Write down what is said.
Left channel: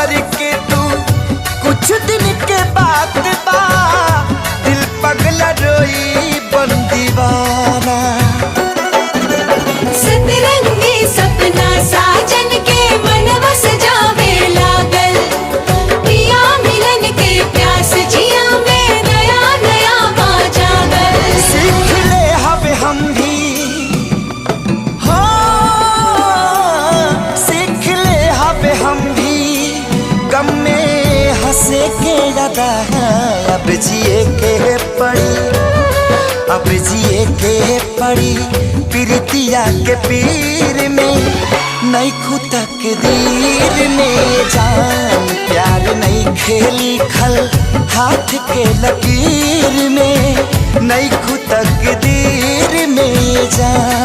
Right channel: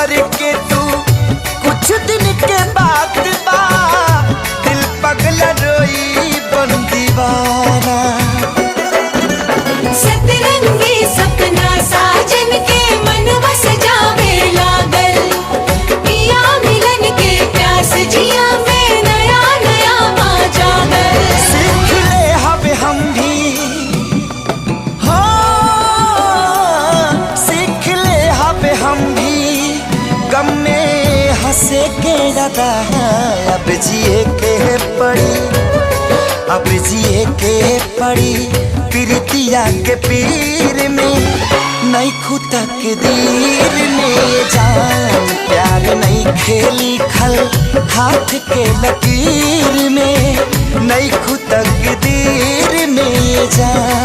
दोसर के तू कुछ दिन के बाद बा दिल पगला रोई बन दीवाना। सतरंगी सपना साजन के मनवा सजावे लागल, पिया मिलन के प्यास जिया में नया नया पा जागल। सीख ले हवे हम भी हो, सीख ले हवे हम भी गम में हंसे के ज्यादा अब जिए के पड़ी, अब जिए के पड़ी प्रीतिया के पीर में नहीं खुतक दीर में जान। प्यार नहीं खेली खल हाथ के लकीर में नहीं खुतक दीर में जान।